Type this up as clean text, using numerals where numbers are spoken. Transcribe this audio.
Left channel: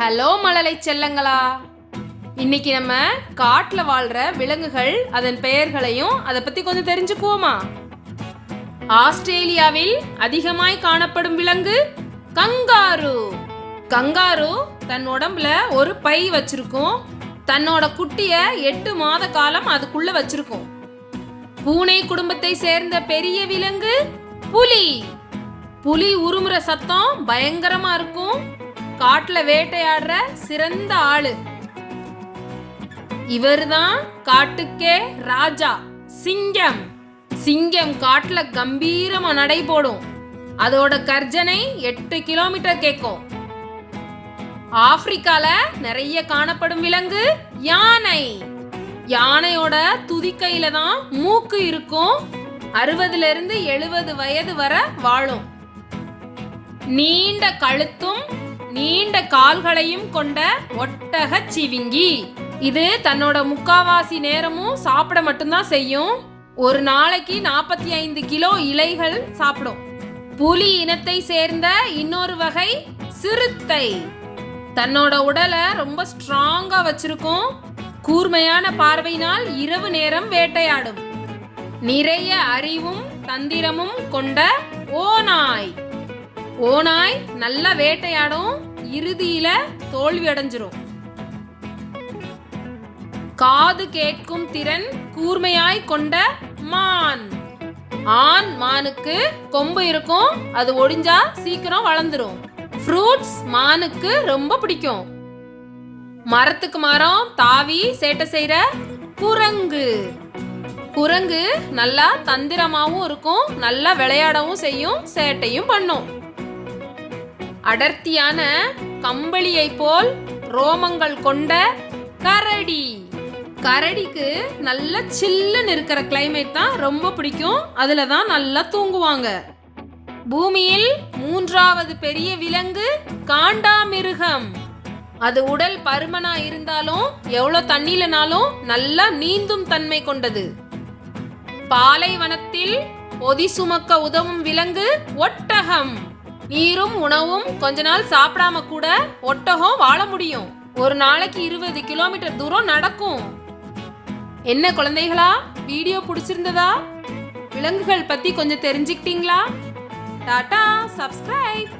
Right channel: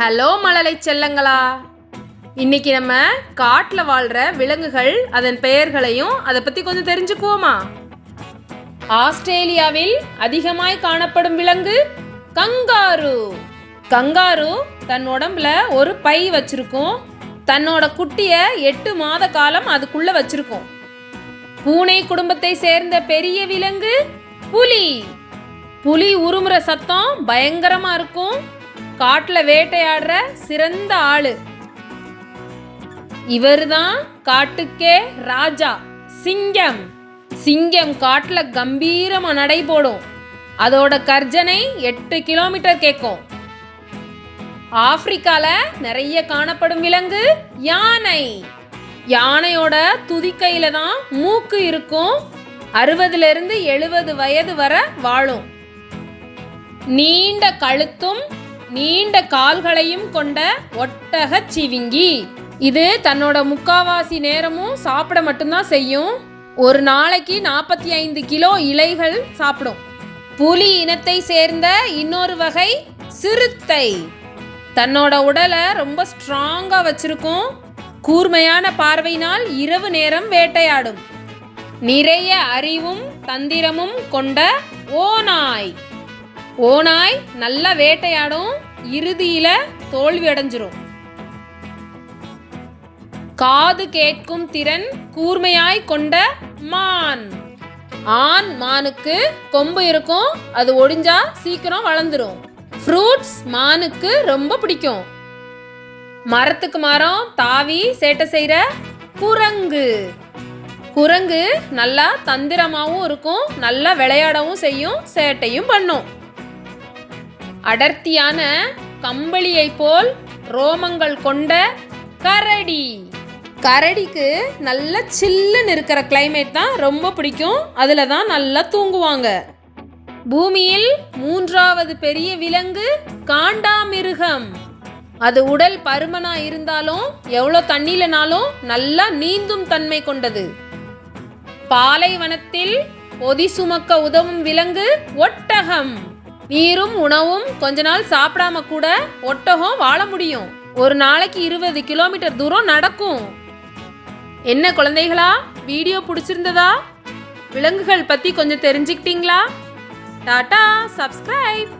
Hello மழலை செல்லங்களா, இன்னைக்கு நம்ம காட்டில் வாழ்கிற விலங்குகள் அதன் பெயர்களையும் அதை பற்றி கொஞ்சம் தெரிஞ்சுக்குவோமா? ஆஸ்திரேலியாவில் அதிகமாய் காணப்படும் விலங்கு கங்காரு. கங்காரு தன் உடம்புல ஒரு பை வச்சிருக்கும். தன்னோட குட்டியை 8 மாத காலம் அதுக்குள்ள வச்சிருக்கும். பூனை குடும்பத்தை சேர்ந்த பெரிய விலங்கு புலி. புலி உருமுற சத்தம் பயங்கரமா இருக்கும். காட்டில் வேட்டையாடுற சிறந்த ஆளு இவர்தான். காட்டுக்கே ராஜா சிங்கம். சிங்கம் காட்டுல கம்பீரமா நடை போடும். அதோட கர்ஜனை 8 கிலோமீட்டர் கேட்கும். ஆப்பிரிக்கால நிறைய காணப்படும் விலங்கு யானை. யானையோட துதிக்கையில தான் மூக்கு இருக்கும். 60 இருந்து 70 வயது வரை வாழும். நீண்ட கழுத்தும் நீண்ட கால்களையும் கொண்ட ஒட்டகச் சிவிங்கி. இது தன்னோட முக்காவாசி நேரமும் சாப்பிட மட்டும்தான் செய்யும். ஒரு நாளைக்கு 45 கிலோ இலைகள் சாப்பிடும். புலி இனத்தை சேர்ந்த இன்னொரு வகை சிறுத்தை. தன்னோட உடலை ரொம்ப ஸ்ட்ராங்கா வச்சிருக்கும். கூர்மையான பார்வையினால் இரவு நேரம் வேட்டையாடும். நிறைய அறிவும் தந்திரமும் கொண்ட ஓநாய். ஓநாய் நல்லா வேட்டையாடும். இறுதியில தோல்வி அடைஞ்சிரும். காது கேட்கும் திறன் கூர்மையாய் கொண்ட மான். ஆண் மானுக்கு கொம்பு இருக்கும். அது ஒடிஞ்சா சீக்கிரம் வளர்ந்துரும். ஃப்ரூட்ஸ் மானுக்கு ரொம்ப பிடிக்கும். மரத்துக்கு மரம் தாவி சேட்டை செய்யற குரங்கு. குரங்கு நல்லா தந்திரமாவும் இருக்கும். நல்லா விளையாடவும் செய்யும், சேட்டையும் பண்ணும். அடர்த்தியான கம்பளியை போல் ரோமங்கள் கொண்ட கரடி. கரடிக்கு நல்ல சில்லுன்னு இருக்கிற கிளைமேட் தான் ரொம்ப பிடிக்கும். அதில் தான் நல்லா தூங்குவாங்க. பூமியில் 3வது பெரிய விலங்கு காண்டாமிருகம். அது உடல் பருமனா இருந்தாலும் எவ்வளோ தண்ணியிலனாலும் நல்லா நீந்தும் தன்மை கொண்டது. பாலைவனத்தில் பொதி சுமக்க உதவும் விலங்கு ஒட்டகம். நீரும் உணவும் கொஞ்ச நாள் சாப்பிடாம கூட ஒட்டகம் வாழ முடியும். ஒரு நாளைக்கு 20 கிலோமீட்டர் தூரம் நடக்கும். என்ன குழந்தைகளா, வீடியோ பிடிச்சிருந்ததா? விலங்குகள் பத்தி கொஞ்சம் தெரிஞ்சுக்கிட்டீங்களா? டாடா, சப்ஸ்கிரைப்.